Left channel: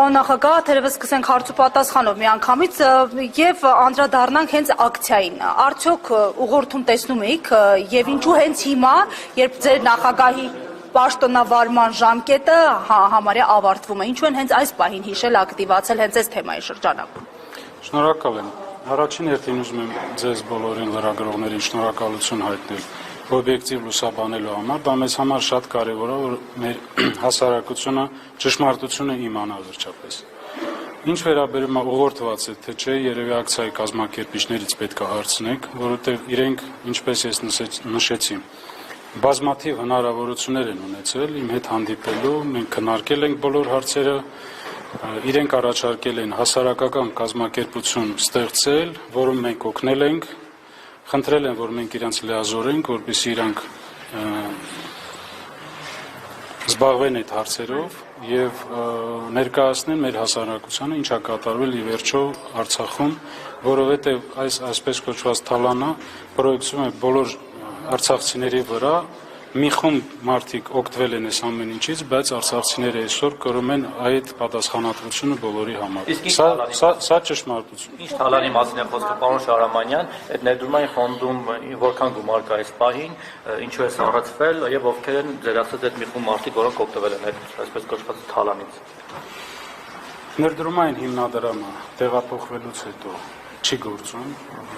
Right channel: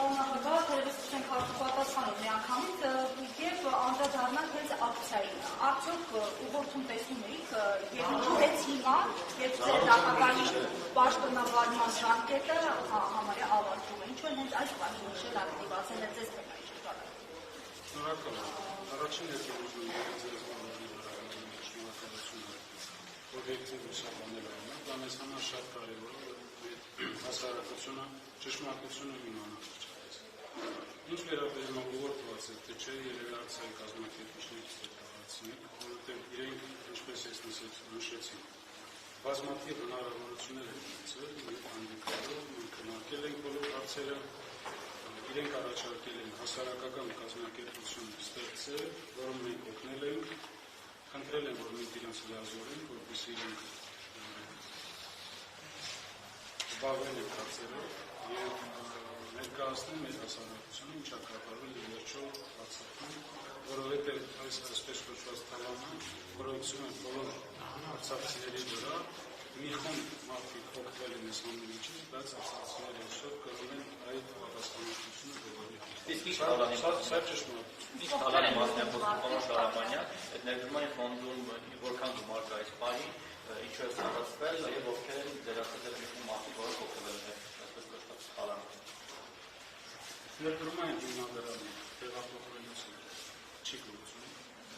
Նախագահ, թերևս սկսենք հարց ու պատասխանով միանգամից եւ անդրադառնանք հենց ակցիային։ Արդյոք ուղղորդում տեսնում եք եւ ինչու հենց հիմա, երբ ձեր նախագահի պաշտոնավարման ժամկետը համարյա ավարտվում է, ինչու են հենց այս պահին հիշել ակտիվացել հենց այս թեմայի շրջանակում։ Շնորհակալ եմ։ Առաջին հերթին ուզում եմ ձեզ բոլորին լրագրողներին շնորհակալություն հայտնել օբյեկտիվ լուսաբանելու համար, դա մեզ համար շատ կարևոր է, որ մեր հասարակությունը ճշմարտությունը իմանա վերջապես։ Ինչ վերաբերում է ուղղորդված է, թե չէ, երևի ակցիայի կազմակերպիչներից պետք է հարցնեք, որովհետև իրենք, ինչպես ես նշեցի, բազմաթիվ հնարավորություններ են ունեցել իմ հետ հանդիպելու, մենք քննարկել ենք բոլոր հարցերը, իրենք առաջարկել են հասարակական կազմակերպություն ստեղծել, որում մենք օգնել ենք, խնդրել են, որ մենք իրենց լիազորենք, որպեսզի իրանք զբաղվեն այդ հարցերով եւ ներկայացնեն մեր հասարակությանը ինչա կատարվել ի վերջո Արցախում, որովհետեւ այս այսպես կոչված թալանը պրոյեկցում է բոլոր արցախցիների վրա, մի խումբ մարդիկ օգտվել են այս ամեն ինչից, բայց արցախցիները այսօր կրում են այդ պատասխանատվությունը բոլորի համար։ Սա ճշմարտություն։ Ինչ թալանի մասին է խոսքը, պարոն Շահրամանյան, այդ ներդրումային ֆոնդում որքան գումար կա այս պահին, ինչու է սառեցվել եւ ովքեր են ձեր ասած այդ մի խումբ մարդիկ, որոնք օգտվել են այդ այսպես կոչված թալանից։ Ներդրումային հիմնադրամը տեղափոխվելուց հետո չի գործում։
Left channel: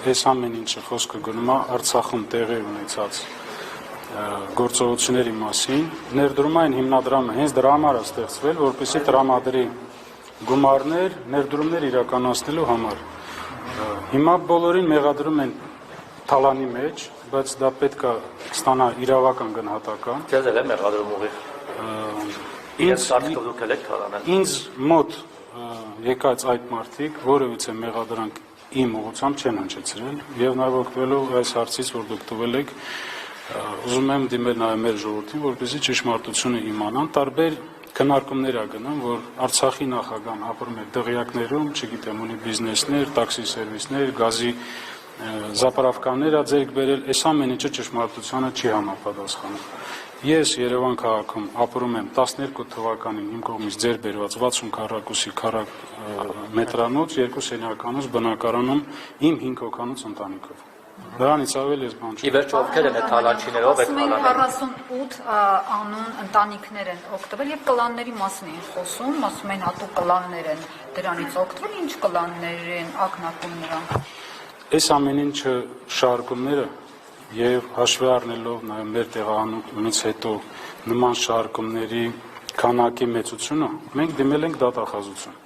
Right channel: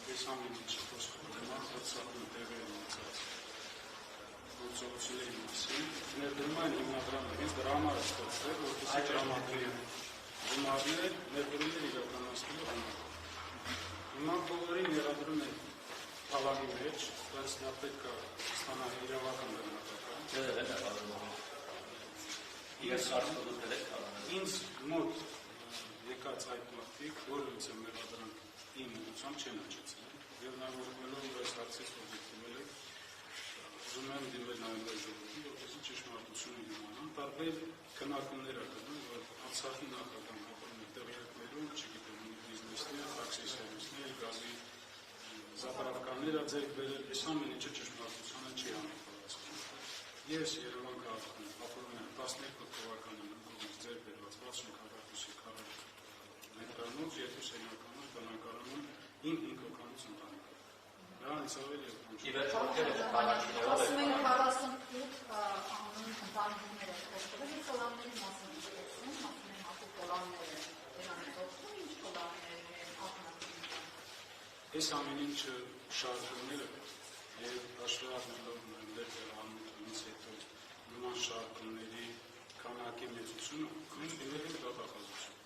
Այս ամեն ինչը խոսքը գնում է Արցախում տեղի ունեցած գործողությունների մասին, ներդրումային հիմնադրամը հենց դրա համար է ստեղծվել, որպեսզի տրամադրի գումարներ, ներդրումներ իրականացնելու համար։ Հիմա բոլորին մեղադրում են թալանի մեջ, բայց դա պետք է ստանա իրավական գնահատական։ Ձեզ էլ է մեղադրում ուղիղ։ Ինձ մոտ եկած այդ մարդիկ որևիցե մեղադրանք իմ ուղղությամբ չեն հնչեցրել եւ նաեւ օգտվելով այս հարցից, որ դուք տվել եք, ուզում եմ դիմել նաև մեր ժողովրդին, որպեսզի ճշմարտությունը իմանան, տարբեր քննարկումներ ա գնում, որ Արցախի նախագահան ապրում է դղյակներում, չգիտեմ, ունի բիզնեսներ, տաքսի սերվիսներ, գազի զապարավկաններ ա ձեռք բերել, այս ամեն ինչը ճշմարտությանը չի համապատասխանում։ Ես Երևան քաղաքում ապրում եմ 12 թվականին իմ կողմից ձեռք բերված 60 քառակուսի մետրանոց, 2 սենյականոց բնակարանում իմ 5 հոգանոց ընտանիքով։ Դրանից ավել ես բան չունեմ։ Ի վերջո ովքեր են այդ թալանչիներով եք թալանել։ 48 անուն ընտանիքներ են օգտվել եւ կլանների մասին են խոսում, ասում են հատուկ կլաններ են դրանից օգտվել, ինչ կլաններ են ակնարկում նրանք։ Այս ամեն ինչը շարժումները եւ հաշվի առնելով նաեւ մեր տեղանունից հետո նման շարժումների քանակի մեծությունը, մենք դիմել ենք դատախազություն,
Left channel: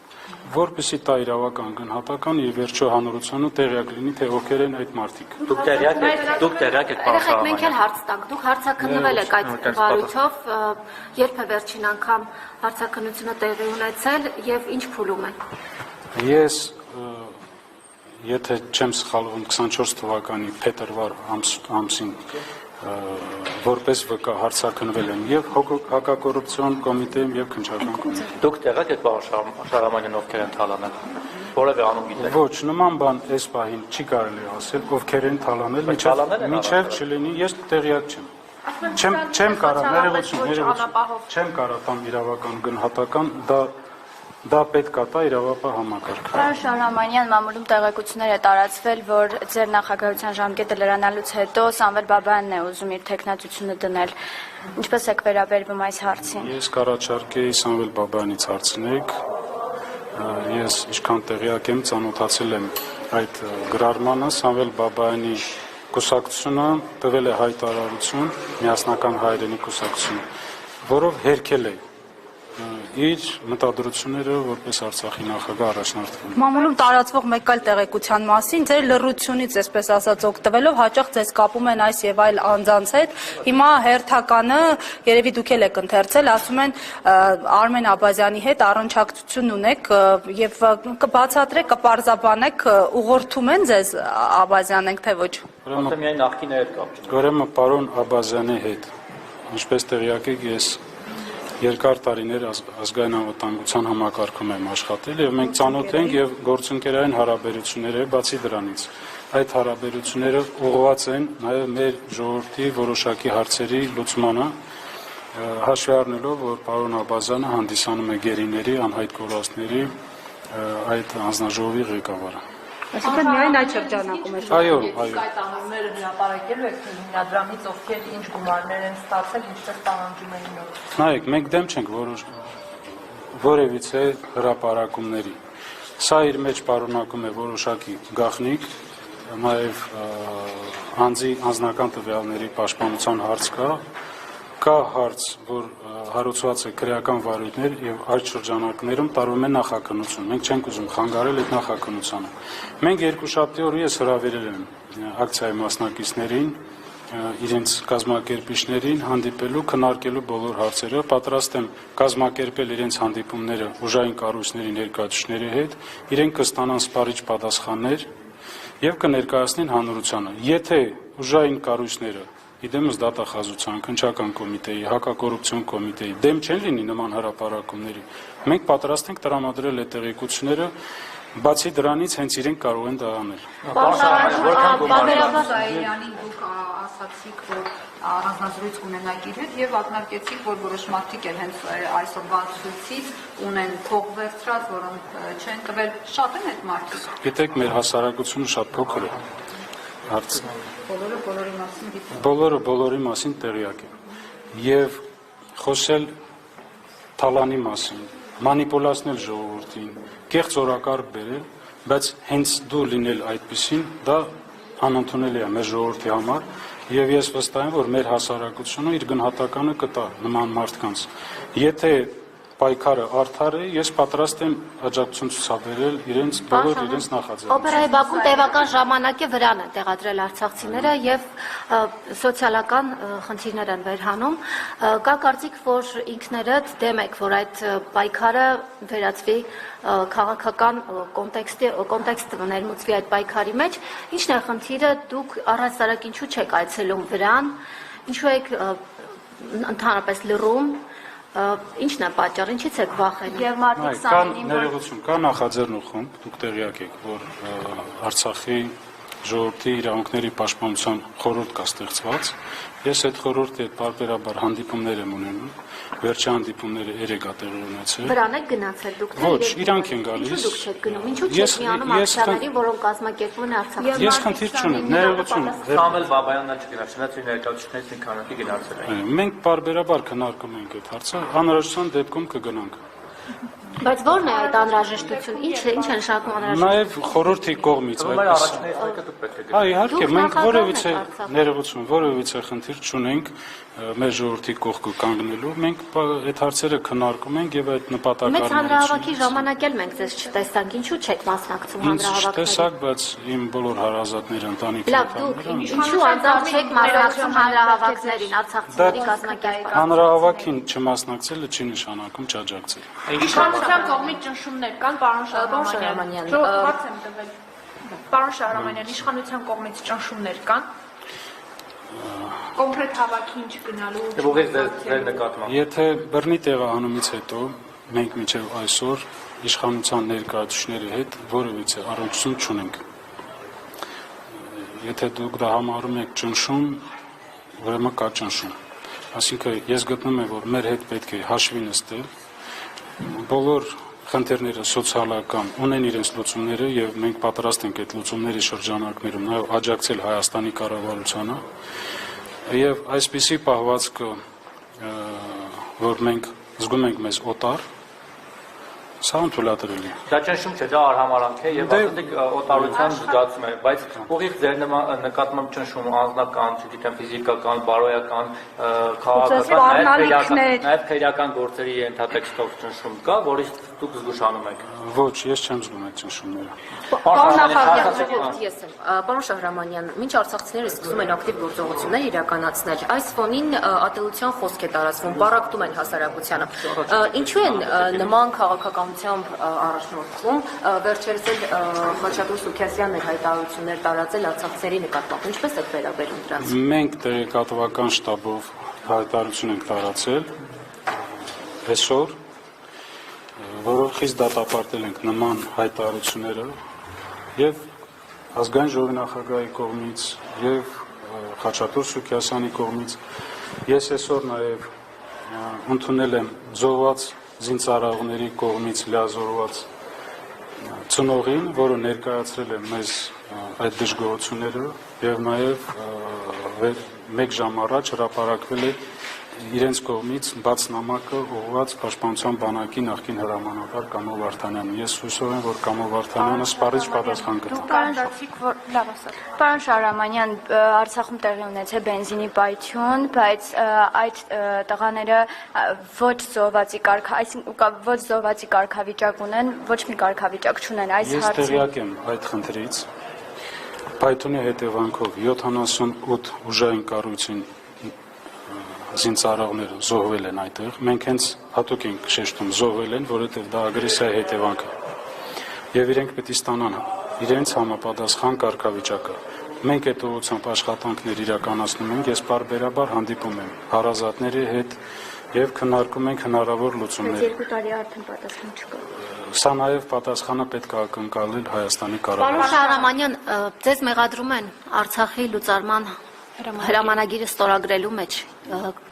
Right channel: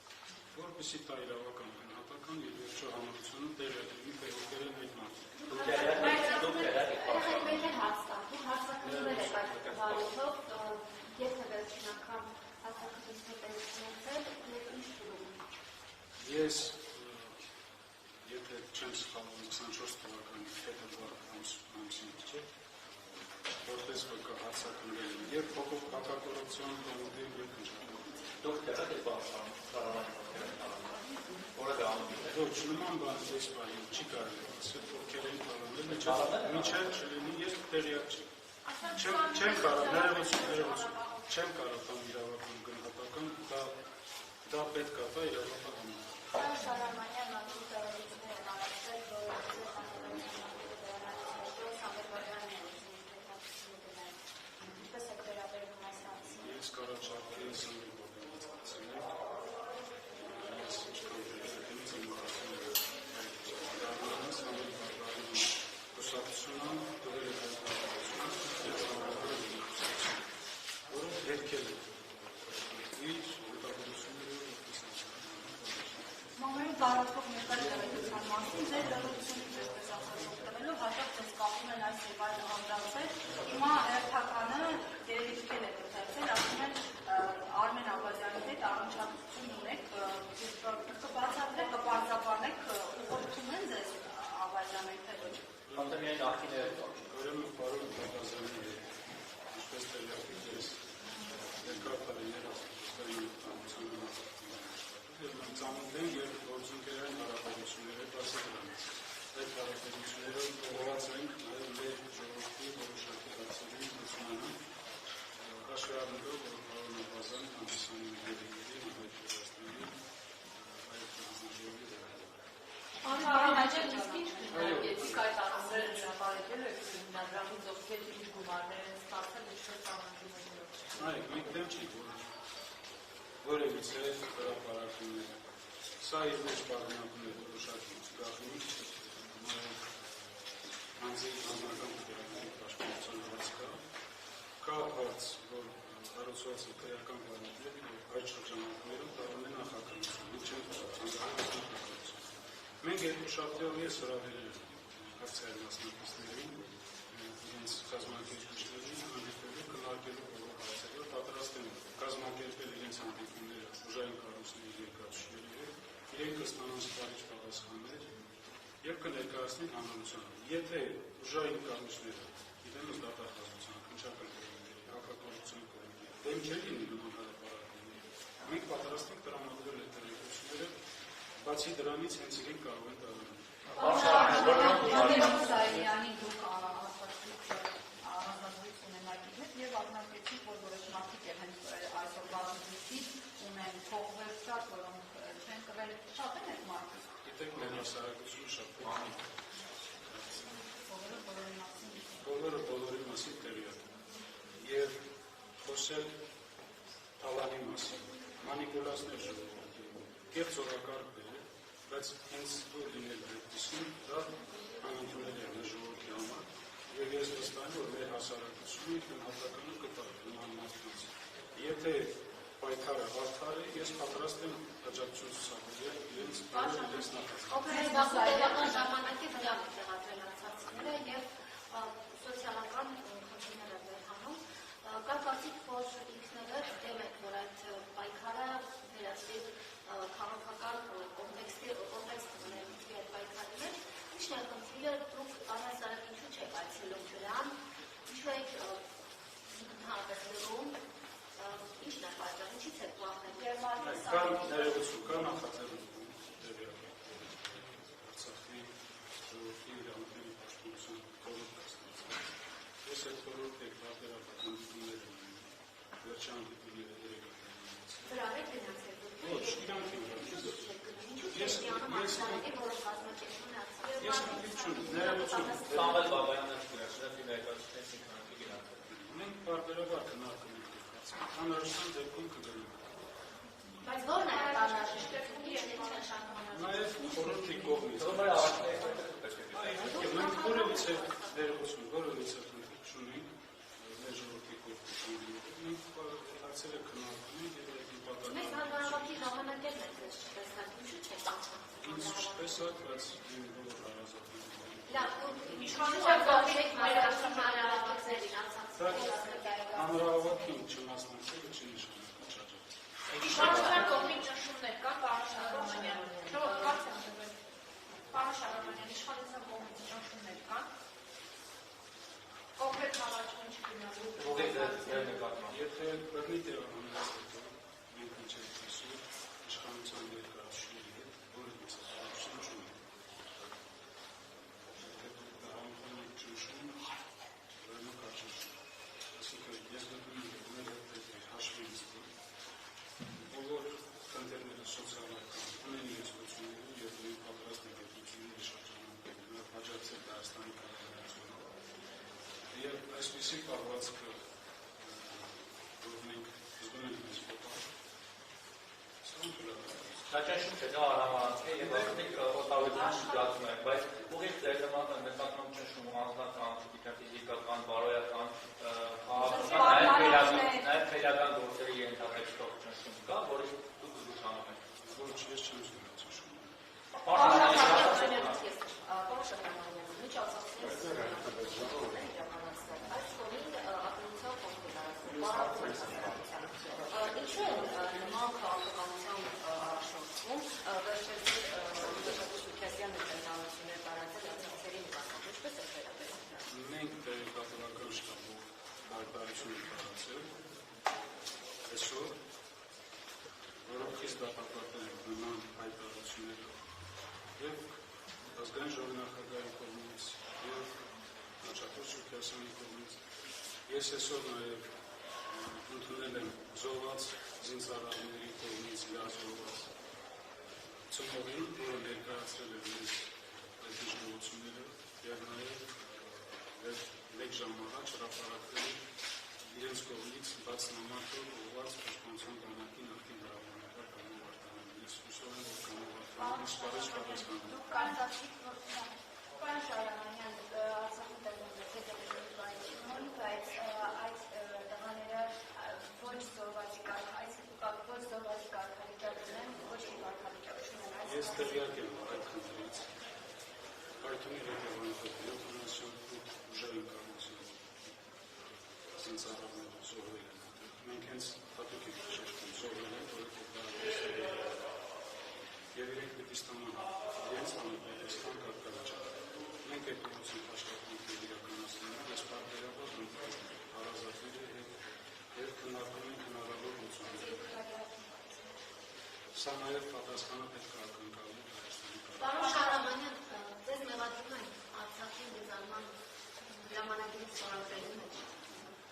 որպեսզի տա իրավական գնահատական եւ վերջո հանրությանը տեղյակ լինի, թե ովքեր են այդ մարդիկ։ Դուք տեղյակ եք, պարոն Շահրամանյան։ Մենք էլ հարց տանք, դուք հարցաքննվել եք այդ բարույթով, երբ է վերջին անգամ հարցաքննությունը տեղի ունեցել եւ ինչ փուլում է։ Ես եթե չեմ սխալվում 24 թվականի փետրվար ամսին որպես վկա հարցաքննվել եմ եւ հակակոռուպցիոն կոմիտեում եւ քննչական կոմիտեում։ Դուք տեղյակ եք, պարոն Շահրամանյան, ովքեր են թալանել։ Որևէ անուն գիտեք։ Ոչ, նման բան այս պահին չի կարելի ասել, ովքեր են թալանել, միջև չլինի, ես տեղյակ չեմ։ Չեմ կարող, ներողություն, չեմ կարող տամ իրավական գնահատական, դա պետք է տա իրավապահ համակարգը։ Պարոն Շահրամանյան, մամուլում տեղեկություններ է տարածվել, որ ձեր նախագահության ժամկետը լրանալուց հետո Սամվել Բաբայանն է ուզում իր թեկնածությունը դնել։ Ինչպես եք վերաբերվում այս հարցին։ Ես կառաջարկեի Սամվել Բաբայանից հարցնեք։ Ես ինչքան տեղյակ եմ, ծանոթացել եմ այդ գրառմանը, Սամվել Բաբայանի կուսակցությունը տվել է հայտարարություն, միասնական հայրենի կուսակցությունը, որով հերքել է իր մտադրությունները որպես Արցախի նախագահ առաջնորդվում։ Մամուլում տարածվող մեկ այլ տեղեկության մասին, ձեր լռությունից, այսպես ասած, օգտվելով հաճախ ձեզ կապում են այս եւ այլ անձանց հետ։ Հիմա հերթականը, երևի դուք էլ եք ընթերցել, ասում են Արմեն Աբազյանի հետ առնչակցություն ունեք եւ կբացատրեք, կպարզաբանեք, ուղղորդում են ձեզ Աբազյանենք թե ոչ։ Միայն նախկինը հետ կապ։ Ուրեմն պարոն Աբազյանի հետ, ինչպես տեղյակ եք, ես երկար տարիներ ազգային անվտանգության համակարգում եմ աշխատել եւ մենք ծանոթ ենք եւ գործընկերային հարաբերություններ է բացի դրանից։ Այդ հարաբերությունները ուղղված են նաեւ մեր ժողովրդի որոշակի հարցերի լուծմանը հաշվի առնելով, որ պարոն Աբազյանը հանդիսանում է գերիների, անհայտ կորածների այդ անձնաժողովի ղեկավարը։ Այսինքն միայն այդ շրջանակում է։ Այո, Այդ անունները հրապարակելու եք հիմնադրամից, ովքեր ինչ գումարներ են ստացել, ինչպես պահանջում են նոր։ նայեք, մենք դեմ չենք որևիցե հրապարակումների։ Սա իր մեջ պարունակում է որոշակի գաղտնիք, նաև անձի անձնական տվյալների պաշտպանության հարց կա հարց, որ հարուցված է քրեական վարույթներ եւ այդ շրջանակներում տարվում է նախաքննություն։ Մենք չենք ուզում խանգարել այդ նախաքննությանը։ Մենք երկուշաբթի օրը ես հրավիրել եմ ակցիայի մասնակիցներին, իրենց կազմակերպիչներին հանդիպելու, քննարկելու բոլոր հարցերը, պատրաստ եմ կազմակերպել իրենց հանդիպումները ուժային կառույցների ներկայացուցիչների հետ, իրենք կստանան սպառիչ պատասխաններ եւ կներկայացնեն հանրությանը։ Եթե ուժային կառույցները, իդեմս դատախազության, քննչական կոմիտեի, հակակոռուպցիոն կոմիտեի դեմ չեն լինի նման հրապարակումների, մենք պատրաստ ենք տրամադրել այդ տեղեկությունները, բացի դրանից հենց իրենք կարող են դա անել։ Զայրանին դուք ասացիք, որ հանձնազրույց կունենաք իր հետ եւ ակնարկեցիք, որ որոշ մարդիկ էլ հենց այսօրվա ցույցից ունեն փող վերցրած, որոնք չեն տվել, շատ են այդ մարդիկ։ Գիտեք, մեր հասարակությունը շատ փոքր է։ Հարց Բոլորը բոլորի մասին գիտեն։ բոլորը բոլորի մասին տեղյակ է։ Եվ խոսել թալանի մասին, մանիպուլացնել ժողովրդին, կեղծ օրակարգ բերել, բայց հենց դու լինել այդպեսին, դա անընդունելի է մեր ժողովրդի համար, եւ ես վստահ եմ, որ մեր հասարակությունը իր գնահատականը կտա նման մարդկանց։ Եթե պայքարը արդար է, ես պատրաստ եմ աջակցություն ցուցաբերել իրենց բոլոր իրենց նախաձեռնություններին։ Օպերայի Բաքուն տևական ժամանակի վրան են տեղադրել արցախցիները եւ սոցիալական խնդիրներ են վերհանում։ Կա կարծիք, որ ինքներդ դեմ եք, որ այդ պայքարը վերածվի քաղաքական կոնտեքստ ներմուծվի այդ պայքարի մեջ։ Ինչն է խնդիրը, դուք առհասարակ ինչու չեք այցելում վրան, ինչու եք ընդհանրապես լռում, ինչն է պատճառը, ինչից եք վախենում։ Եվ մարդիկ սանրին, Ներողություն, կա նախաձեռնող խումբ, դուք տեղյակ եք, որ Արցախի ժողովրդի իրավունքների պաշտպանության խորհուրդ կա ստեղծված։ Ես այդ խորհրդի հետ պարբերաբար հանդիպումներ եմ ունենում, վերջի հանդիպումները երեք է տեղի ունեցել։ Վրան եք գնացել դուք։ Ոչ, իրանք են գալիս։ Ինչու դուք չեք գնում, ինչու չեք միանում ակցիաներին, որոնք կազմակերպվում են Արցախում։ Ես խնդիր չունեմ, ներողություն։ Սամվել Բաբայանն չգնաց, նույնիսկ ներկայացուցիչներից մի քանակի գնացել են։ Մենք պարբերաբար քննարկում ենք այդ հարցը, անհրաժեշտության դեպքում կգնանք։ Բայց ո՞րն է այդ անհրաժեշտությունը, ինչ է նշանակում անհրաժեշտ։ Նաև խորհրդի կողմից Մեր այդպես։ առաջին էսեկը դուք պետք է գնաք։ Այ իհարկե, Դուք մենք որևիցե նախագահն եք Արցախում։ ներողություն, որևիցե խնդիր չունենք մեր ժողովրդի կողքը կանգնելու։ Մենք այդ հարցերը քննարկում ենք եւ այդ Մեծ հանրահավաքի նպատակը ժամանակ էլ մենք ձեզ չտեսանք, ինչու չեք մասնակցում ինձ հանրահավաքներին։ տեսակ, բայց իմ բոլոր հարազատները ընտանիքի Լավ, դուք ինչու անձամբ չեք մասնակցում հանրահավաքներին, արցախցիների կազմակերպած։ հանրահավաքին չմասնակցելը չի նշանակում չաջակցել։ Իշխանության կողմից ճնշումներ կան, պարոն Շահրամանյան, Հարց եմ տվել։ Պարոն Շահրամանյան, իշխանության կողմից ճնշումներ կան։ Կոնկրետ հավաքին չգնալու։ Եվ ուղիղ ձեր նկատմամբ։ Եթե բռնի տեղահանումից հետո մենք մինչև այսօր իշխանության ներկայացուցիչների հետ որևիցե առնչություն չունենք։ Եթե դուք դա համարում եք ճնշում, ուրեմն կա ճնշում։ Այսինքն ես գտնում եմ, որ մեր հետ պետք է հաշվի նստել, բոլոր խնդիրները սոցիալական ունեն իրենց լուծումները եւ մենք պատրաստ ենք այդ լուծումների շրջանակներում նաեւ աջակցել Հայաստանի կառավարությանը եւ այսպիսի պահվածքը, որ մենք զգում ենք մեզ օտար, սա ընդունելի։ Դա ճնշում չէ, դա արհամարանք է եւ ասենք օտարության զգացում է, բայց ուղիղ ձեր նկատմամբ ճնշում անձնական, չգիտեմ, ֆիզիկական, բարոյական, քաղաքական, նաեւ քրեական գործերի ենթատեքստով ճնշում կա, որից դուք զգուշանում եք։ Ոչ, ես չեմ զգում այդ ճնշումները։ Պարոն Շահրամանյան, մինչ արցախցիները սկսում են ակտիվ գործողություններ իրականացնել, այս ֆոնին ատելության խոսք է տարածվում, բարակտում են հասարակությանը։ Ինչու են նման քաղաքականությամբ առաջնորդվում, վերջերս էլ Խաչատուր Սուքիասյանն էր հայտարարություններ տարածել արցախցիների նկատմամբ, ինչպես եք վերաբերում դրանց։ Մենք տեղեկատվական շտաբով հայտարարություն ենք տարածել այսօր, որով խիստ դատապարտել ենք նման հայտարարությունները եւ ազգային ժողովի նախագահի կողմից եւ Խաչատուր Սուքիասյանի կողմից։ Ես այսօր նաեւ ընդունել եմ զոհված զինծառայողների կողմից լիազորված ծնողին, որը ներկայացրել է մեզ այդ դժգոհությունները եւ նաեւ մեկ ժամ առաջ հրապարակվել է իրենց կողմից բաց նամակը ուղղված Պաշտպանության բանակի նախկին հրամանատար Կամո Վարդանյանին։ Ես հուսով եմ, որ Կամո Վարդանյանը սպառիչ պատասխան կտա։ Պարոն Շահրամանյան, Արցախում տեղի ունեցել բենզինի պայթյուն, բայց այդ տղաները ոչ զոհվածի կարգավիճակ ունեն, ոչ մի կարգավիճակ չունեն այս Ես հարցին։ տեղյակ եմ այդ խնդրից։ Պայթյունի հետևանքով 78 ուժային կառույցին զինծառայողները զոհվել են այդտեղ։ Մենք հենց հատուկ ենք շեշտում զոհվել են, որովհետև դա ագրեսիայի հետևանք է։ Եվ իրենք պետք է ստանան իրենց համապատասխան կարգավիճակը։ Մենք այդ ուղղությամբ աշխատանքներ իրականացնում ենք, ես պարբերաբար հանդիպում եմ հարազատների հետ եւ քննարկում ենք հնարավոր լուծումներ։ 2 տարի արդեն պատասխան չկա։ Սա նաեւ պատասխանը պետք է ակնկալել Հայաստանի Պարոն կառավարությանը։ Շահրամանյան, ձեզ մեղադրում են Արցախի լուծարման հրամանագիրը ստորագրելու մեջ։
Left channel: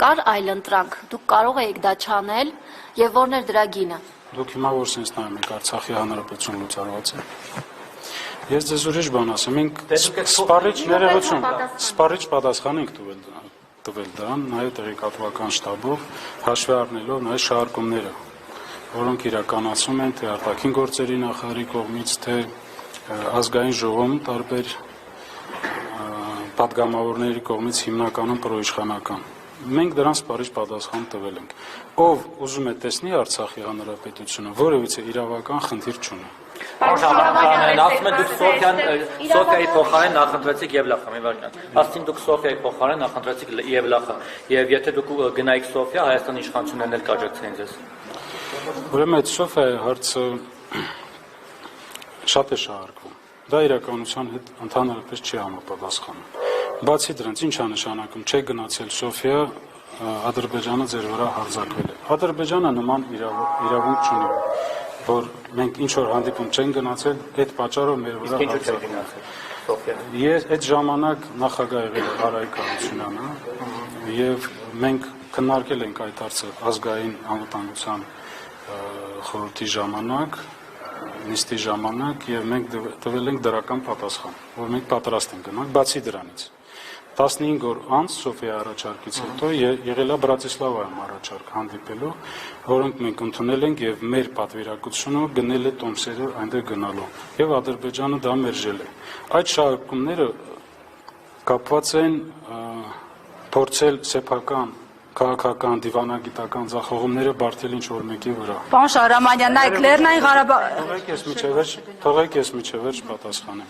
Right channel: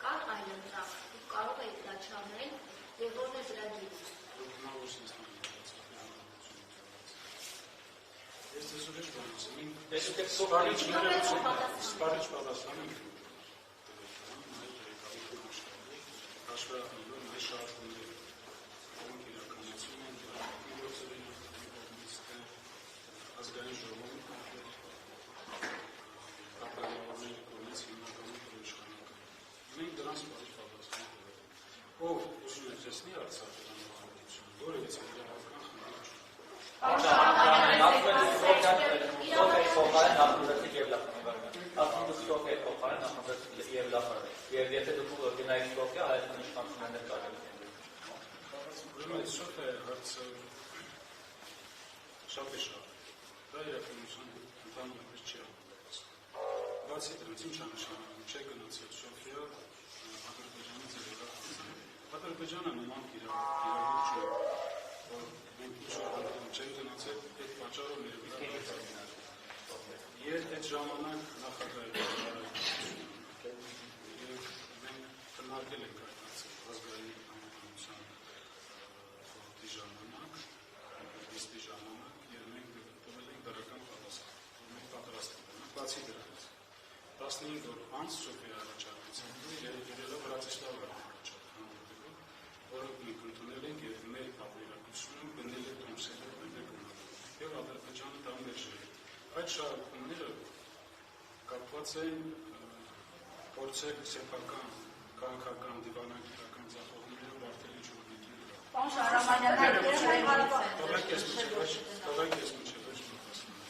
Կար այլ ընտրանք, դուք կարող եք դա չանել եւ որն էր դրա գինը։ Դուք հիմա որ sense նայում եք Արցախի հանրապետություն լուծարված է։ Ես ձեզ ուրիշ բան ասեմ, մենք սպառիչ ներողություն, սպառիչ պատասխան ենք տվել դրան, նաև տեղեկատվական շտաբով հաշվի առնելով նաև շահարկումները, որոնք իրականացում են թե արտաքին գործերի նախարարի կողմից, թե ազգային ժողովում տարբեր պատգամավորների կողմից հիմնականում պրոիշխանական։ Մենք դրան սպառիչ պատասխան տվել ենք։ Ով ուզում է տեսնի Արցախի հանրապետությունը, որևիցե իրավական խնդիր չունի։ Ասում եք դուք Սոֆիայի փոխարեն նախընտրեցիք Եվլախը, մի վարքան։ Ասին դուք Սոֆիայի փոխարեն նախընտրեցիք Եվլախը, եւ եթե դուք գնայիք Սոֆիա, Հայաստանի իշխանություններն էլ կաջակցեին ձեզ։ Ուրեմն այդ Սոֆիայի հարցը շատ է շահարկվում։ Դա իրականության հետ ընդհանրապես չի համապատասխանում։ Բացի դրանից, ինչ է նշանակում, չէ գնացել Սոֆիա, Ադրբեջանը ձեր վրա հարձակվել է։ Ադրբեջանը նման իրավունք չունի, որ մենք ինչ որ հանդիպում չեն գնացել, այդ պատճառով մեր վրա հարձակվել է։ Ես այդ ժամանակ նախագահ եղել եմ Արայիկ Հարությունյանը, եւ մենք քննարկել ենք այդ հարցը ազգային անվտանգության խորհրդի ժամանակ, նիստի ժամանակ, եւ մենք տվել ենք դրական պատասխան, որ մենք պատրաստ ենք գնալ, բացի դրանից 15 օր անց Սոֆիայի առաջարկից հետո եղել է Բրատիսլավայում առաջարկ հանդիպելու, որոնք մենք ընդունել ենք եւ մեր պատվիրակությունը գնել է տոմսերը այնտեղ գնալու եւ Ադրբեջանը դա մերժել է։ Այդ շահարկումները կապված են փորձել սեփական քաղաքական, դիվանագիտական ձախողումները բարդել ինչ-որ մեկի վրա։ Պարոն Շահրամանյան, նայեք Լեռնային Ղարաբաղ։ Թողեք ես միջևերջ պատասխանեմ։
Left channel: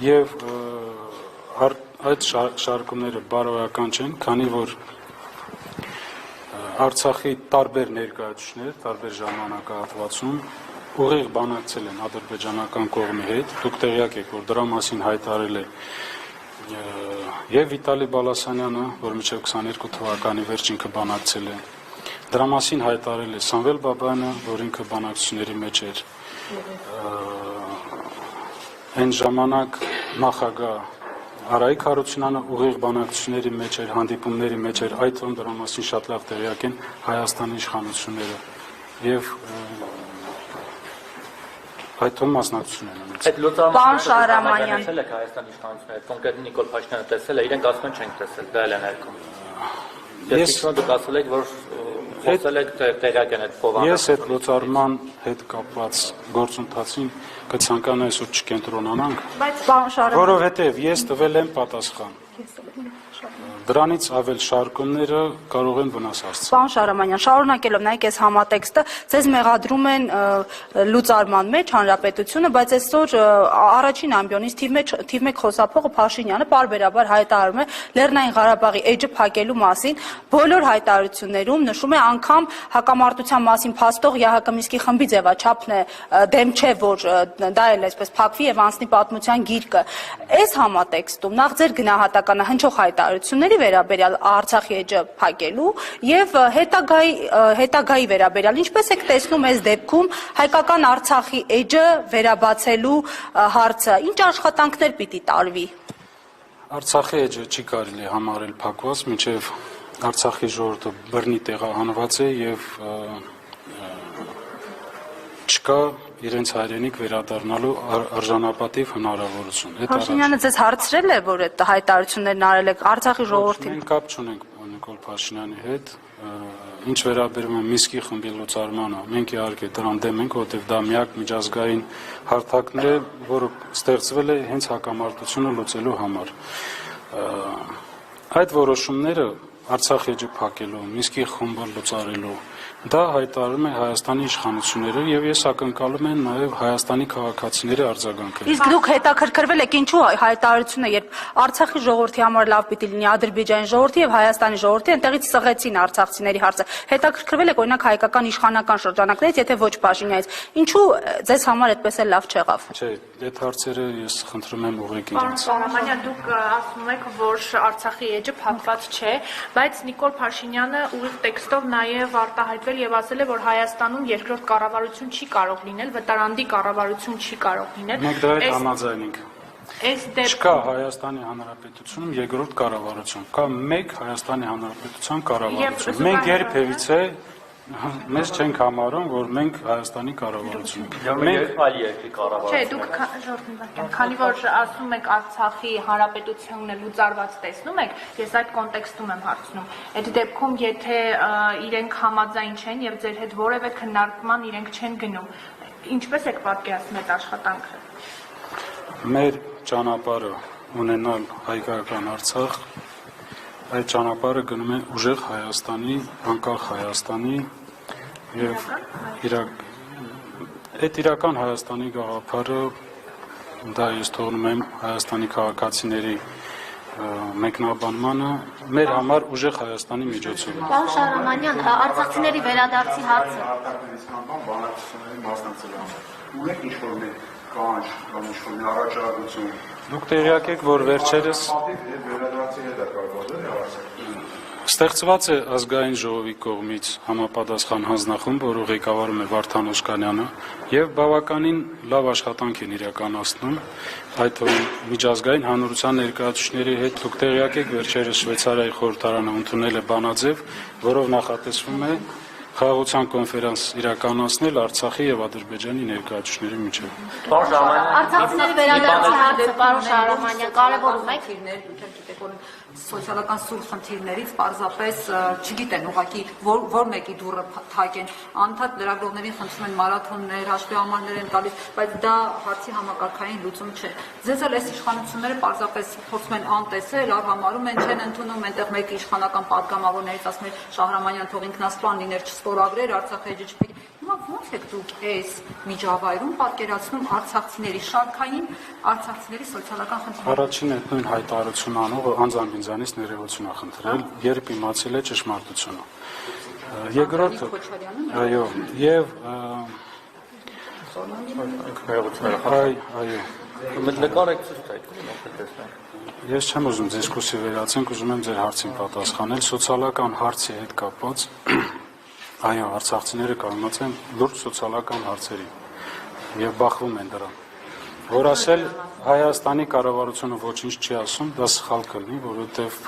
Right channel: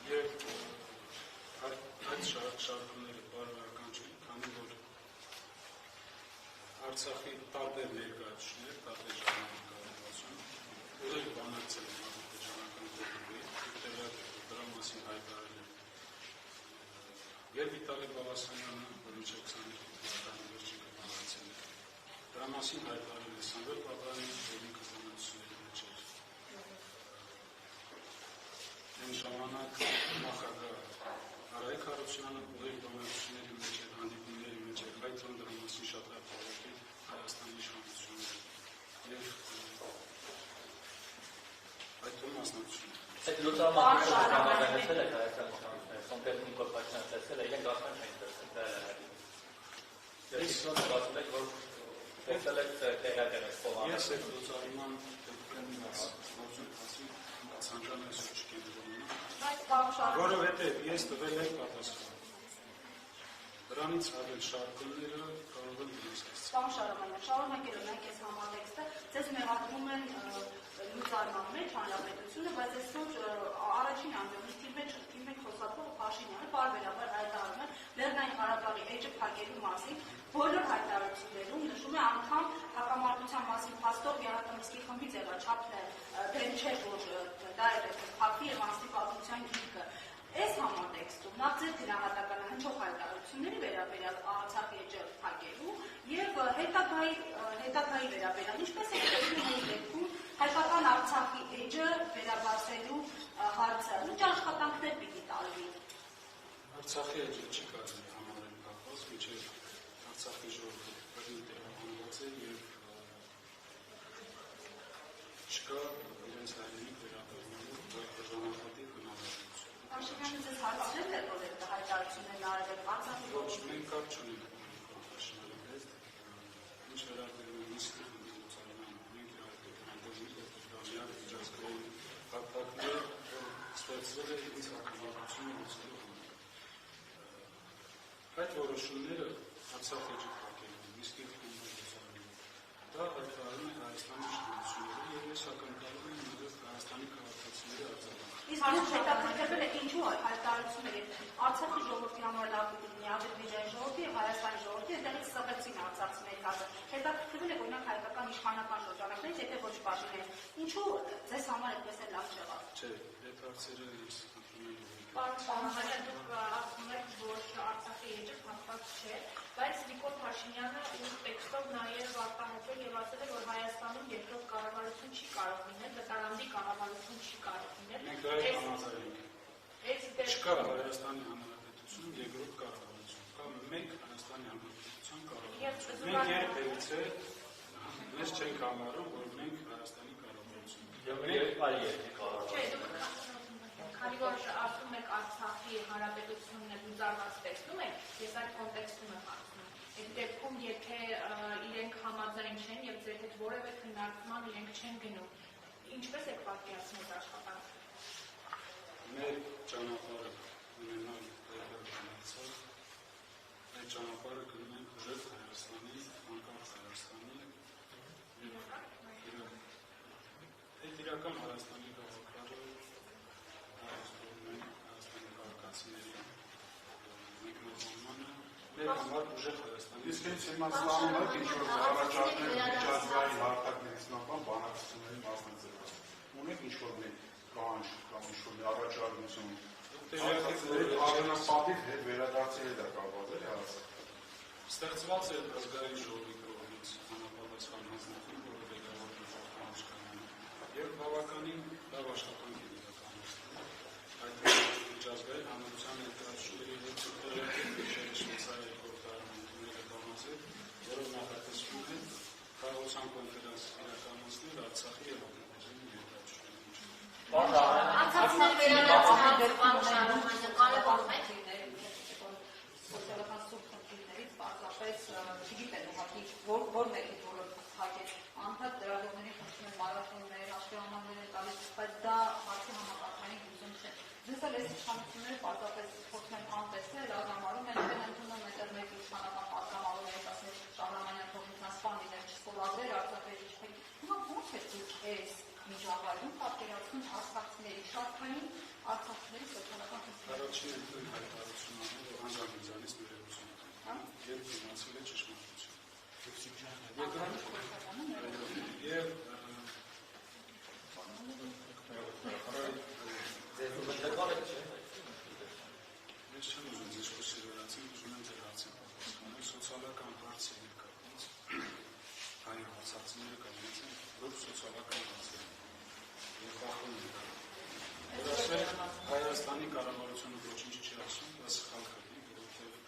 Եվ այդ շարքումները բարոյական չեն, քանի որ Արցախի տարբեր ներկայացուցիչներ, տարբեր ժամանակահատվածում ուղիղ բանակցել են ադրբեջանական կողմի հետ։ Դուք տեղյակ եք, որ դրա մասին հայտարարել է եւ Վիտալի Բալասանյանը, որ մինչեւ 22 թվականի վերջ ինքը բանակցել է։ Դրա մասին հայտարարել է Սամվել Բաբայանը, որ ինքը բանակցությունների մեջ էր։ Այն ժամանակ նախագահ Արայիկ Հարությունյանը ուղիղ բանակցությունների մեջ էր, հանդիպումների մեջ էր, այդ դրա մասին շատ լավ տեղյակ են Հայաստանի իշխանությունները եւ այդ մասնակցություն են ունեցել։ Այդ լուծարանը Պարոն Շահրամանյան, տեսել եք Հայաստանի իշխանությունները, կոնկրետ Նիկոլ Փաշինյանը տեսել է, իրենք ասում են չենք տեսել, դա էլ է ներքում։ Ես դուք ասել եք, որ խոսել եք տեղյակ են այդ փոխանցումը։ Ես այդ լուծարման հետ կապված գործընթացին կցանկանայի այսօր չկենտրոնանանք, որովհետև ես տվել եմ պատասխան։ Դրանից ավել շարքումները կարող են վնաս հասցնել։ Պարոն Շահրամանյան, շարունակելով նայեք այս համատեքստը, ձեզ մեղադրում են լուծարման մեջ հանրապետությունը, բայց այսօր առաջին ամբիոնից թիվ 1 խոսափողը Փաշինյանը պարբերաբար հայտարարում է Լեռնային Ղարաբաղի էջը փակելու մասին, բոլոր հայտարարություններում նշում է անգամ հակամարտության մասին փաստող ԵԱՀԿ Մինսկի խմբի ձևաչափն է դեմ չէ, որ դա էլ այսպես փակվի եւ անցնի պատմության գիրկը։ Այս համատեքստում նախ ձեր գնահատականը հնչող հայտարարությունների վերաբերյալ Արցախի էջը փակելու եւ հետագայի վերաբերյալ ինչպես եք տեսնում այս դեպքում հայկական Արցախի էջը վերաբացելու հարցը, ինչ աշխատանքներ պիտի տարվի։ Արցախի էջը չի կարելի համարել փակված, մինչև Արցախի ժողովուրդը բռնի տեղահանված է եւ չկա իրենց հայրենիք վերադառնալու արժանապատիվ հնարավորություն։ Փաշինյանը ձեզ հարցրել է, որ այդ հայտարարություններն արել եք Արցախի ժողովրդին։ Մենք կապ չունենք Նիկոլ Փաշինյանի հետ։ Ինչ վերաբերում է Միսկի խմբի լուծարմանը, մենք իհարկե դրան դեմ ենք, որովհետև դա միակ միջազգային հարթակն է, որը ստեղծվել է հենց հակամարտությունը լուծելու համար։ Այդ որոշումները Արցախ էջը փակելու, Միսկի խումբը լուծարելու, դա հայտարարում է Հայաստանի իշխանությունները եւ ես ակնկալում եմ նաեւ Հայաստանի քաղաքացիների արձագանքը։ Իսկ դուք հետաքրքրվել եք ինչու հայտարարությունը, երբ Արցախի ժողովրդի համար լավ պիտի լինի Ադրբեջանի ժողովրդի եւ Հայաստանի ժողովրդի, այնտեղից սղեցին արցախցիների հարցը։ Հետաքրքրվել եք օրինակ հայկական իշխանական շրջանակներից, եթե ոչ Փաշինյանից, ինչու ձեզ համար այդպես էլ լավ չեղավ։ Չէ, այդ հարցերը ես խնդրում եմ ուղղեք իրենց։ Սարամանյան, դուք ասում եք, որ Արցախի էջը փակված չէ, բայց Նիկոլ Փաշինյանը ուղիղ տեքստով նաև արտահայտվել եւ ասել է, որ Հայաստանում երկրորդ կառավարություն չի կարող լինել, վտարանդի կառավարություն չի կարող լինել։ Մենք դրա հետ համաձայն ենք։ Չկա Չկա Հայաստանի Հանրապետությունում երկրորդ կառավարություն, կա մեկ Հայաստանի Հանրապետության կառավարություն։ Մենք երբևիցե մեզ չենք համարում, որ մենք Հայաստանի կառավարություն ենք։ Մենք այլ երկրի կառավարություն։ Չէ, դուք քանի որ ասում եք Արցախի Հանրապետությունը լուծարված տեսնում եք, ես այդ կոնտեքստում եմ հարցնում։ Այդ դեպքում, եթե իրենք համաձայն չեն եւ ձեր հետ որևէ քննարկման իրենք չեն գնում, ինչպես եք պատկերացնում այդ աշխատանքը։ Մեր ճանապարհը ունենալ հայկական Արցախ, այդ ճանապարհը գնում է ուժեղ Հայաստանի, անկախ Հայաստանի եւ այդ իրական Հայաստանի գաղափարը դա ես թողնում եմ Հայաստանի քաղաքացիների մեկնաբանմանը մեր համար ուժեղ Հայաստանի միջոցով։ Պարոն Շահրամանյան, արցախցիների վերադարձի հարցը։ Ունեք ինչ-որ մի կանչ կամ ինչ-որ մի առաջարկություն։ Դուք տեղյակ եք, որ վերջերս վերադարձի հետ է կապված, ստեղծված է ազգային ժողովի կողմից համապատասխան հանձնախումբ, որը ղեկավարում է Վարդան Օսկանյանը, եւ բավականին լավ աշխատանք են իրականացնում, այդ թվում միջազգային հանրության ներկայացուցիչների հետ դուք տեղյակ եք, վերջերս Շվեյցարիայի խորհրդարանը ընդունել է բանաձև, որով նախատեսվում է խաղաղության կոնֆերանս իրականացնել Արցախի եւ Ադրբեջանի ներկայացուցիչների միջեւ։ Արցախցիների վերադարձի հարցը, պարոն Շահրամանյան, կարևորում եք։ Սոցիալական սուր խնդիրներից պարզապես չգիտեն ուղղակի որ մեկի դուռը թակեն, անդադ լրագրողներին խնդրում են մարաթոններ, հաշվի համարներ են տալիս, բայց դա հարցի համակարգային լուծում չէ։ Ձեզ էլ այս իշխանությունները պարզապես փորձում են անտեսել, արհամարում են, չեն ընդունում, այնտեղ մեկ իշխանական падգամավորներից ասում է Շահրամանյան թող ինքնասպան լիներ, չստորագրեր, Արցախի էջը չփակի։ Հիմա ո՞նց եք դուք այս միջավայրում պատկերացնում արցախցիների շարքային արցախցիների սոցիալական խնդիրները։ Առաջին այդ նույն հայտարարություն անողը անձամբ ինձանից ներողություն է խնդրել, երբ իմացել է ճշմարտությունը։ Երկրորդը, այո, եւ նկարեք ցույց տայք։ Ես չեմ ուզում դիսկուսի վերացենք, ուզում եմ ձեր հարցին պատասխանել սոցիալական հարցի հետ կապված։ Այո, արցախցիները կանգնած են լուրջ սոցիալական հարցերի եւ բախվում են դրան։ Որ ասել Հայաստանի կառավարությունը ոչինչ չի ասում, դա սխալ կլինի, որովհետեւ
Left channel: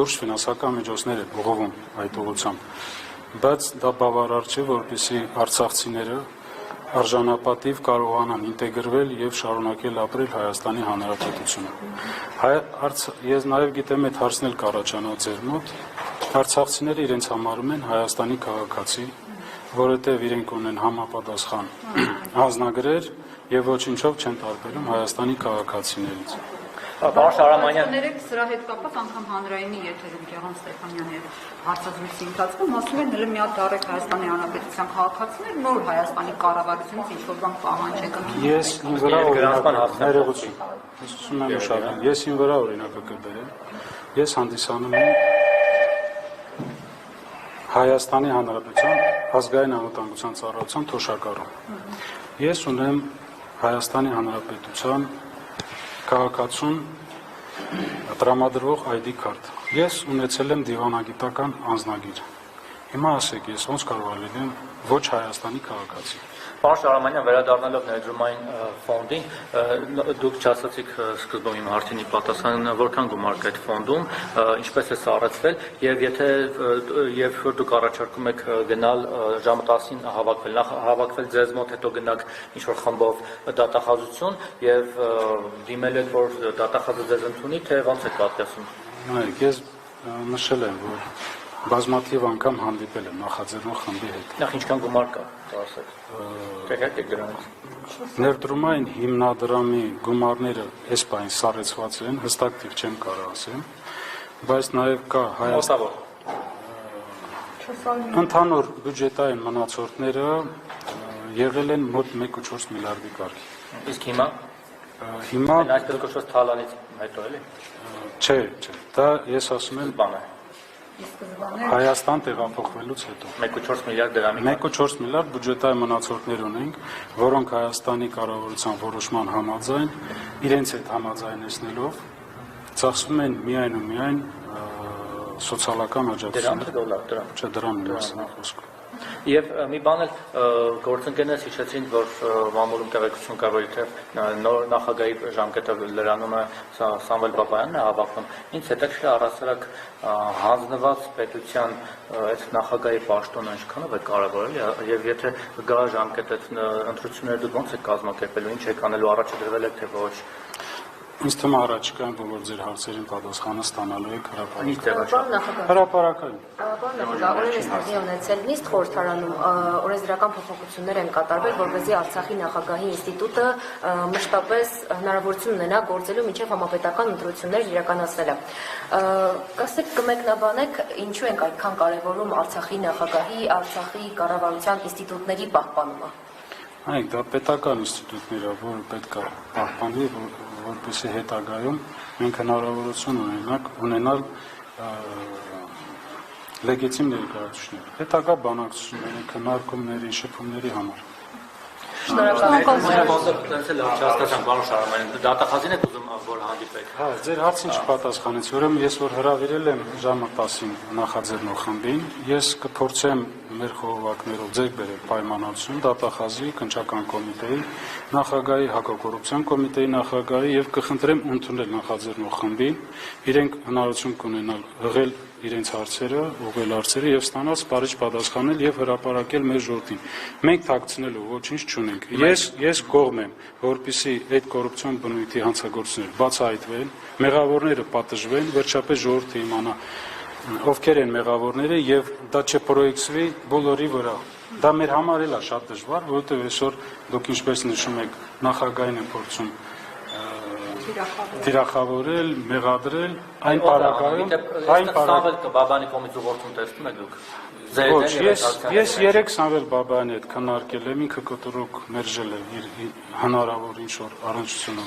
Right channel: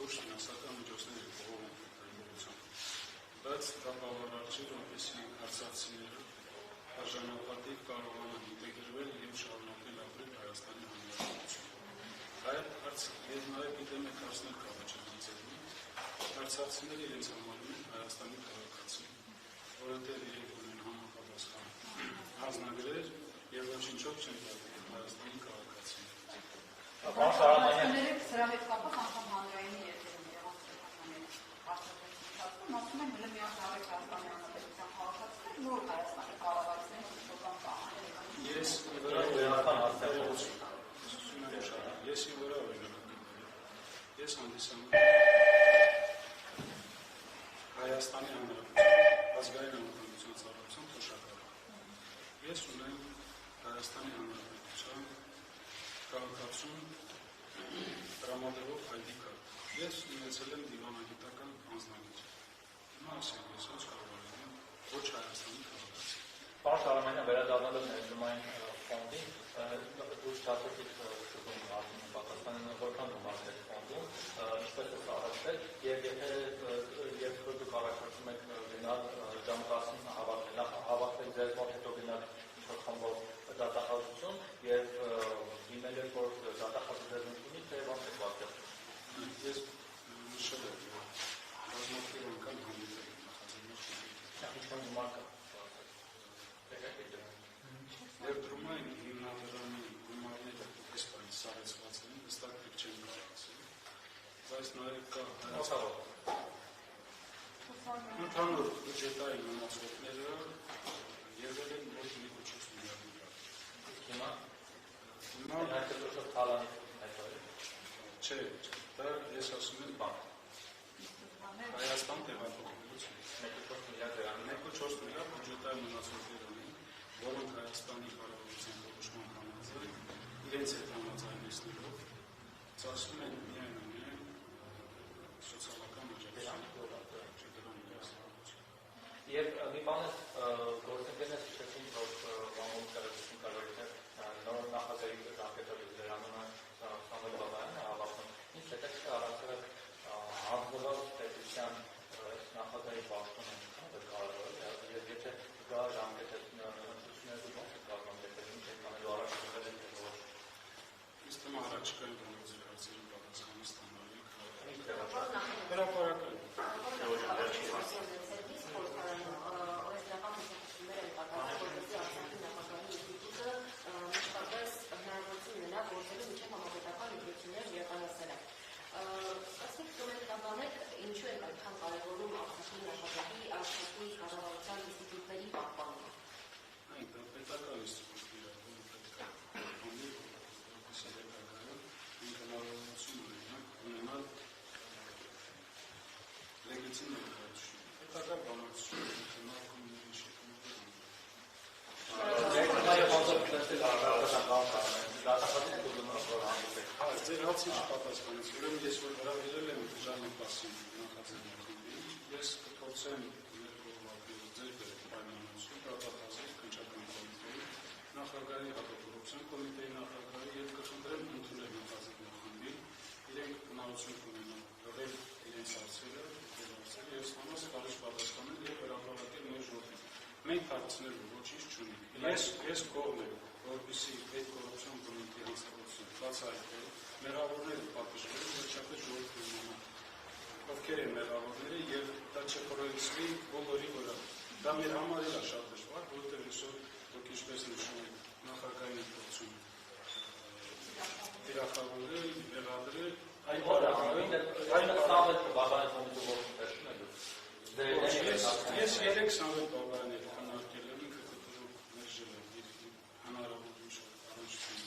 լուրջ ֆինանսական միջոցներ է բողովում այդ ուղղությամբ։ Բայց դա բավարար չէ, որպեսզի արցախցիները արժանապատիվ կարողանան ինտեգրվել եւ շարունակել ապրել Հայաստանի Հանրապետությունում։ Ես նաեւ գիտեմ այդ հարցն էլ կառաջանա ձեր մոտ։ Արցախցիները իրենց համարում են Հայաստանի քաղաքացի, որովհետև իրենք ունեն համապատասխան անձնագրեր եւ ոչինչով չեն տարբերում Հայաստանի քաղաքացիներից։ Պարոն Շահրամանյան, Սրա հետ կապված անգամ հանրայինի եթերում Գեղամ Ստեփանյանի հարցազրույցի ընթացքում ասում են հենց մի հատ դարեք Հայաստանի Հանրապետության քաղաքացիներ նոր Հայաստանի կառավարությունից ինչ-որ բան պահանջեք։ Ես ինձ վրա ներողություն։ Ես ուզում եմ ուշադրել։ Ես ինձ վրա օրինակը կբերեմ։ Ես հանդիսանում եմ Հայաստանի Հանրապետության ազգային անվտանգության ծառայության թոշակառու։ Ես ունեմ Հայաստանի Հանրապետության քաղաքացուն տրամադրվող ID քարտ։ Ես ունեցել եմ դիվանագիտական անձնագիր։ Հիմա ասեք, ես ոնց կարող եմ լինել ոչ Հայաստանի քաղաքացի։ Պարոն Շահրամանյան, վերադառնալով ներդրումային ֆոնդին, դուք չասացիք սկզբում իմ հարցինի պատասխանը, որքան գումար կա այդ ֆոնդում, ինչպես է սառեցվել, եւ որ դուք առաջարկում եք գնալ ժամը 10-ին հավաքվել, նախ հավաքվել ձեզ մոտ, հետո գնաք ինչ-որ խմբով դատախազություն եւ դիմել եք, որ դատախազը ձեզ ընդունի, թե ոնց եք պատկերացնում։ Նայեք, ես նշել եմ, որ բազմաթիվ անգամ հանդիպել եմ նախաձեռնող խմբի հետ։ Նախ ինչքան գումար կա, ասեք։ Տեղյակ եք դրանից։ Ներդրումային հիմնադրամի գումարները այս բանի սառեցված են, հստակ տիպ չեմ կարող ասեմ, բայց նաև կա Հայաստան ընդհանուր բյուջետային մնացորդները եղել են մոտ 1.4 միլիարդի կարգի։ Իսկ հիմա այսպես կոչված թալանից հետո էլի։ Չէ, դա ես ասում եմ բան է։ Հայաստան տեղափոխվելուց հետո 1.4 միլիարդ դրամի 1.4 միլիարդ բյուջետային մնացորդներ ունենք, որոնք Հայաստանի կառավարության որոշման համաձայն իրենց հետ համաձայնեցնելով ծախսում են միայն ու միայն սոցիալական աջակցություն։ դրամ։ Չէ, դրամի մասին է խոսքը։ Եվ մի բան էլ գործընկերներս հիշեցին, որ մամուլում տեղեկություն կա, որ իբրև նոր նախագահի ժամկետը լրանում է Սամվել Բաբայանն է հավաքվում։ Ինձ հետաքրքիր է առասարակ հանձնված պետության այդ նախագահի պաշտոնը ինչքանով է կարևոր էլի, եւ եթե գա ժամկետը ընտրությունները դուք ոնց եք կազմակերպելու, ինչ եք անելու, առաջ դրվել եք թե ոչ։ Ինձ թվում է առաջիկայում, որ ձեր հարցերին պատասխանը ստանալու եք Հրապարակային։ Հրապարակային։ Օրենս հանդի ունեցել նիստ խորհրդարանում օրենսդրական փոփոխություններ են կատարվել, որպեսզի Արցախի նախագահի ինստիտուտը մշտապես հնարավորություն ունենա գործելու մինչև համապետական ընտրություններ իրականացնելը։ Կասեք կմեկնաբանեք, ինչու ենք այդքան կարևորում Արցախի նախագահի, Արցախի կառավարության ինստիտուտների պահպանումը։ Այ դա պետական ինստիտուտներ է, որը պետք է պահպանվի, որպեսզի հետագայում մենք հնարավորություն ունենալ լեգիտիմ ներկայացուցիչներ, հետագա բանակցությունների, քննարկումների, շփումների համար։ Դատախազին եք ուզում որ հանդիպեք։ Հա, ձեր հարցին չպատասխանեց, ուրեմն ես որ հրավիրել եմ ժամը 10-ին նախաձեռնող խմբին, ես կփորձեմ մեր խորհրդակներով ձեր բերել պայմանավորություն դատախազի քննչական կոմիտեի նախագահի, հակակոռուպցիոն կոմիտեի նախագահի եւ կխնդրեմ ընդունել նախաձեռնող խմբին, իրենք հնարավորություն կունենալ հղել իրենց հարցերը, ուղղել հարցերը եւ ստանալ սպառիչ պատասխանել եւ հրապարակել մեր ժողովրդին։ Մենք թաքցնելու ոչինչ չունենք։ Ես կողմ եմ, որպեսզի այդ կոռուպցիոն բնույթի հանցագործությունները բացահայտվեն, մեղավորները պատժվեն, վերջապես ժողովուրդը իմանա ովքեր են մեղավորները եւ դա չպրոյեկցվի բոլորի վրա։ Դա մեր համար էլ է շատ դժվար, որովհետեւ այսօր դուք ինչպես նշում եք, նախագահին են փորձում թիրախավորել, մեղադրել, այն պարագայում, Բաբանի կողմից ուղղորդում տեսնում եք դուք։ Ոչ, ես 3 Սամվել Բաբայանի հետ քննարկել եմ, ինքը կտրուկ մերժել է իր հնարավոր ինչ-որ առնչությունով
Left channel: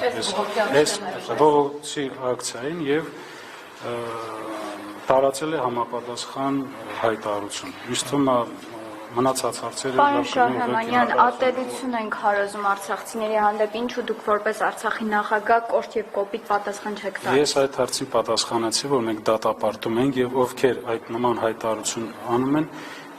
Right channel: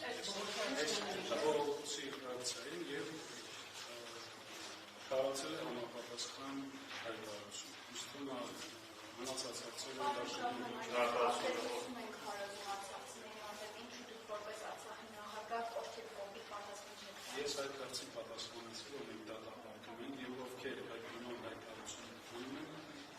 այս բողոքի ակցիային եւ տարածել է համապատասխան հայտարարություն։ Ինձ թվում է մնացած հարցերը Պարոն Շահրամանյան, ատելություն ենք հարազում արցախցիների հանդեպ, ինչու դուք որպես Արցախի նախագահ կոշտ եւ կոպիտ պատասխան չեք տալիս։ Ես այդ հարցին պատասխանեցի, որ մենք դատապարտում ենք եւ ովքեր այդ նման հայտարարություն անում են,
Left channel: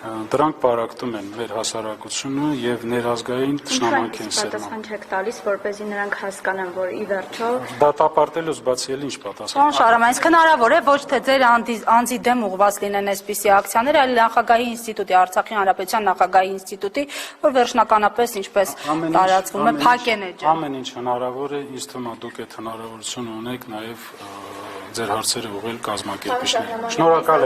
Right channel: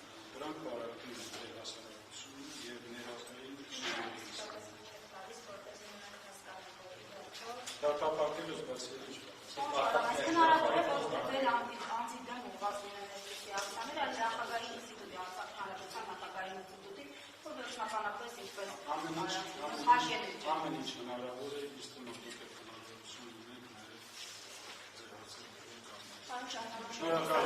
դրանք պարակտում են մեր հասարակությունը եւ ներազգային ճշնամանք են սերմանում։ Պատասխան չեք տալիս, որպեսզի նրանք հասկանան, որ ի վերջո Դատապարտելուց բացի էլ ինչ պատասխան։ Պարոն Շահրամանյան, իսկ հնարավոր է ոչ թե ձեր անձի դեմ ուղղված լինեն այսպիսի ակցիաներ, այլ նախագահի ինստիտուտի, Արցախի հանրապետության նախագահի ինստիտուտի, որ վերջնականապես ինչպես տարածվում է, փակեն էջը։ Ամեն ինչ հնարավոր է, ինձ թվում է դուք այդ հնարավորությունը ունեք նաեւ ձեր հարցերը ուղղել կազմակերպիչներին։ Շնորհակալ եմ։